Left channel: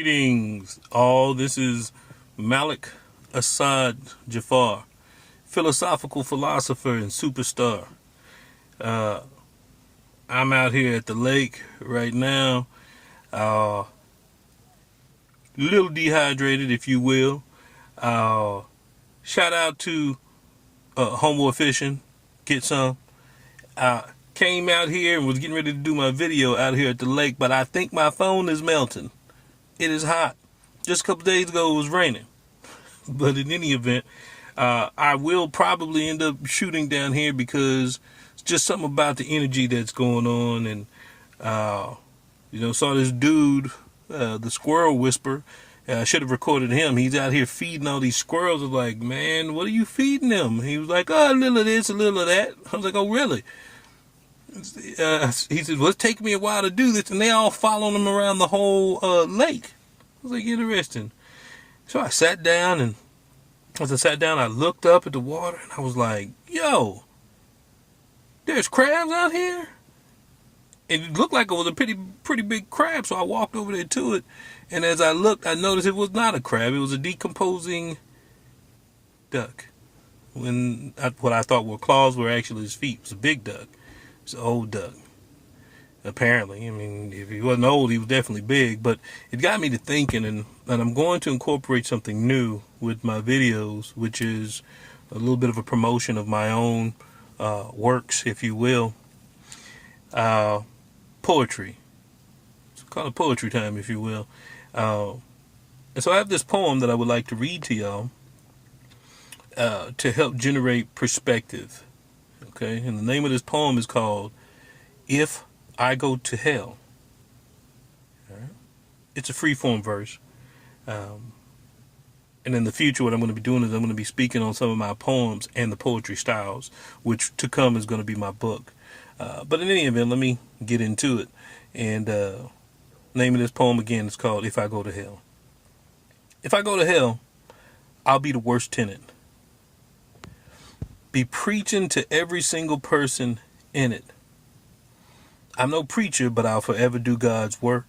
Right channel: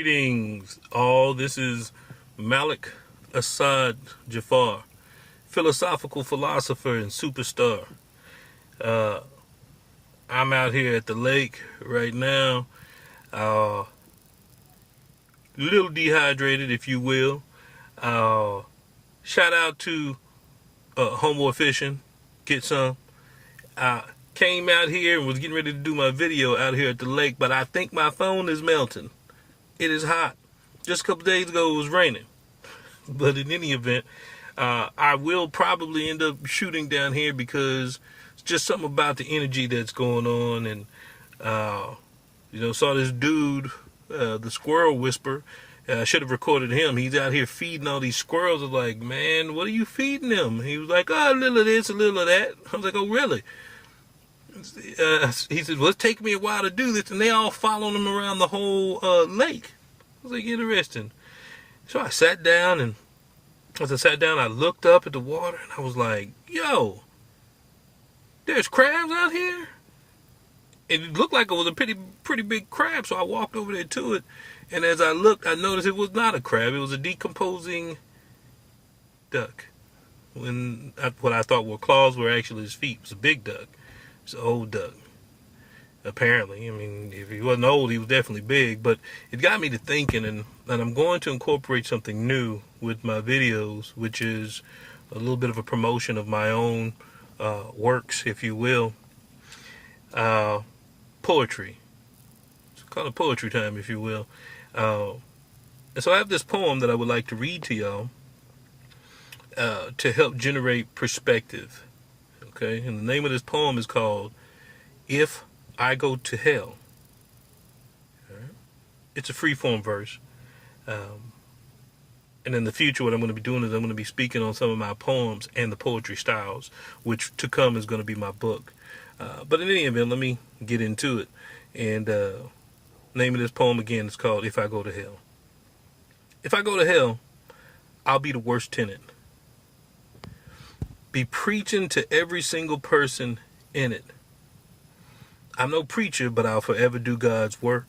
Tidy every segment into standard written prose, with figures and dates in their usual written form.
Greetings, all. This is Malik Assad Jafar, philosophical philosopher and superstar. I'm out here at the lake right now, a little dehydrated, if you will. Shout out to Homeboy Fishing, get some. Came out here and was getting ready to do my video out here at the lake, but I think my phone is melting. It is hot. Just a couple days ago it was raining. But in any event, I will probably end up shooting down here because it's just something about the energy that's going on. And, saw this dude, the squirrel whisperer. I should have recorded him. He's out here feeding all these squirrels. I was like, man, what are you feeding them? He was like, oh, a little of this, a little of that. I was like, oh, really? He said, well, it's taking me a while to do this. And they all following him around the whole lake. I was like, interesting. So I sat down, and as I sat down, I looked up at the water, and I was like, yo, there's crabs out here? And it looked like it was a pretty big crab, so I walked over there to it. And as I looked, I noticed it was not a crab. It was a decomposing duck. What I thought were claws were actually his feet. It was a big duck. It's an old duck, apparently. I mean, if he wasn't old, he was definitely big. But it got me to thinking, and I'm going to incorporate something new with my videos, which is a little bit of a promotion of my own works, if you will. Poetry. It's called poetry time, if you will. And so I have this poem that I would like to read to y'all to help generate perspective. Okay, and the name of this poem is called If I Go to Hell. Right. It's a freeform verse. And in the future, what I'm going to be doing is I'm going to be speaking on some of my poems and the poetry styles, which to come is going to be my book. But in any event, let me get into it. And name of this poem again is called If I Go to Hell. If I go to hell, I'll be the worst tenant. Be preaching to every single person in it. I'm no preacher, but I'll forever do God's work.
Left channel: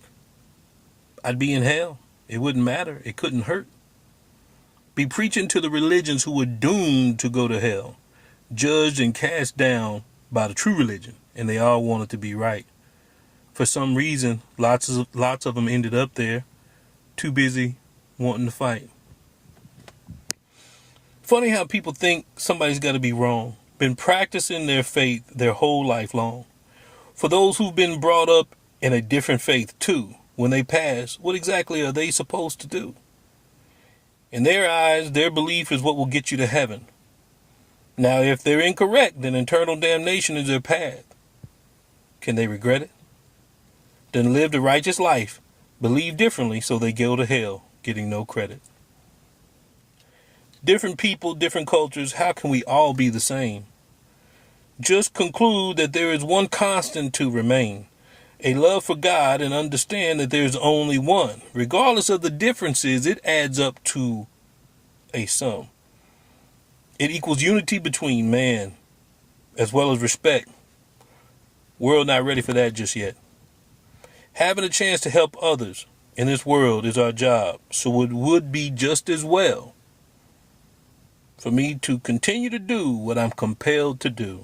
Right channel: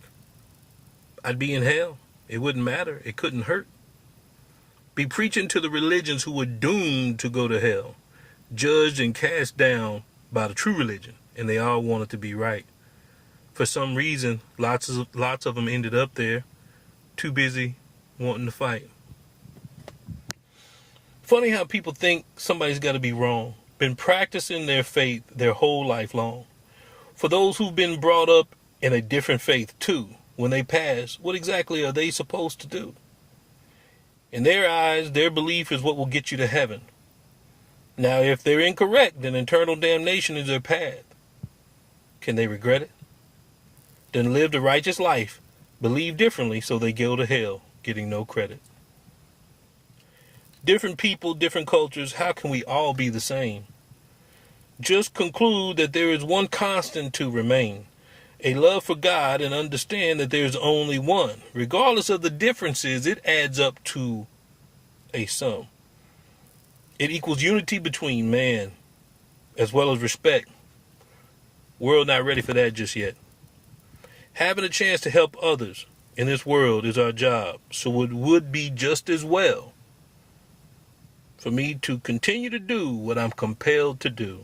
I'd be in hell. It wouldn't matter. It couldn't hurt. Be preaching to the religions who were doomed to go to hell, judged and cast down by the true religion, and they all wanted to be right. For some reason, lots of them ended up there, too busy wanting to fight. Funny how people think somebody's got to be wrong. Been practicing their faith their whole life long. For those who've been brought up in a different faith too, when they pass, what exactly are they supposed to do? In their eyes, their belief is what will get you to heaven. Now, if they're incorrect, then eternal damnation is their path. Can they regret it? Then live the righteous life, believe differently, so they go to hell, getting no credit. Different people, different cultures, how can we all be the same? Just conclude that there is one constant to remain, a love for God, and understand that there's only one. Regardless of the differences, it adds up to a sum. It equals unity between man as well as respect. World not ready for that just yet. Having a chance to help others in this world is our job, so it would be just as well for me to continue to do what I'm compelled to do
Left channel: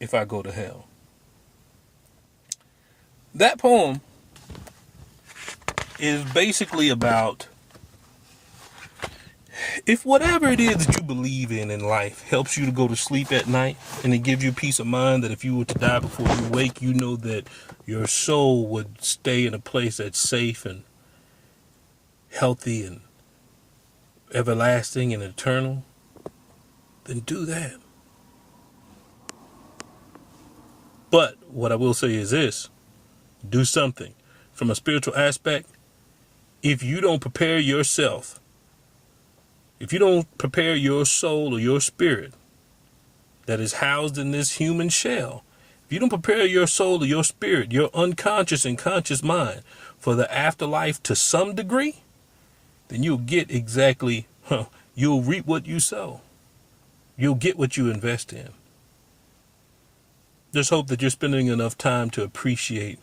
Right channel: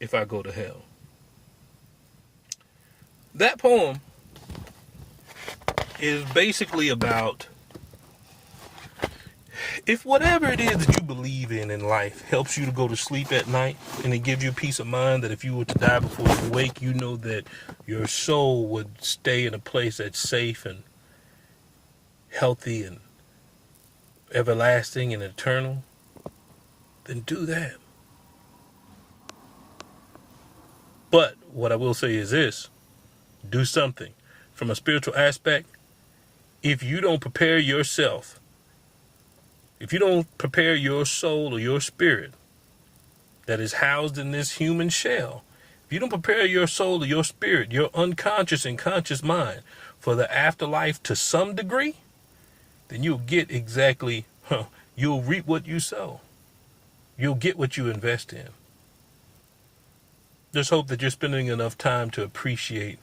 if I go to hell. That poem is basically about if whatever it is that you believe in life helps you to go to sleep at night, and it gives you peace of mind that if you were to die before you wake, you know that your soul would stay in a place that's safe and healthy and everlasting and eternal, then do that. But what I will say is this: do something. From a spiritual aspect, if you don't prepare yourself, if you don't prepare your soul or your spirit that is housed in this human shell, if you don't prepare your soul or your spirit, your unconscious and conscious mind for the afterlife to some degree, then you'll get exactly, you'll reap what you sow. You'll get what you invest in. Just hope that you're spending enough time to appreciate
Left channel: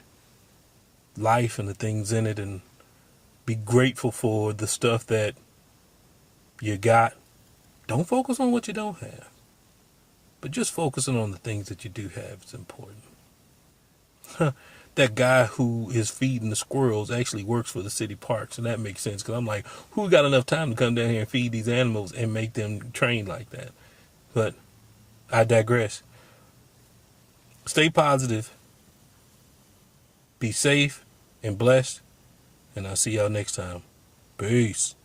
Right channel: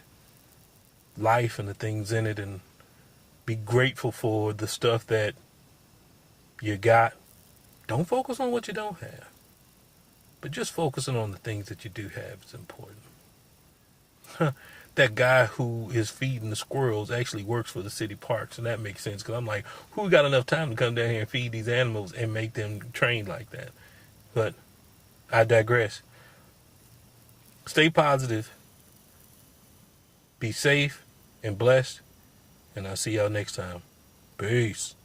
life and the things in it, and be grateful for the stuff that you got. Don't focus on what you don't have, but just focusing on the things that you do have is important. That guy who is feeding the squirrels actually works for the city parks, and that makes sense, because I'm like, who got enough time to come down here and feed these animals and make them trained like that? But I digress. Stay positive, be safe and blessed, and I'll see y'all next time. Peace.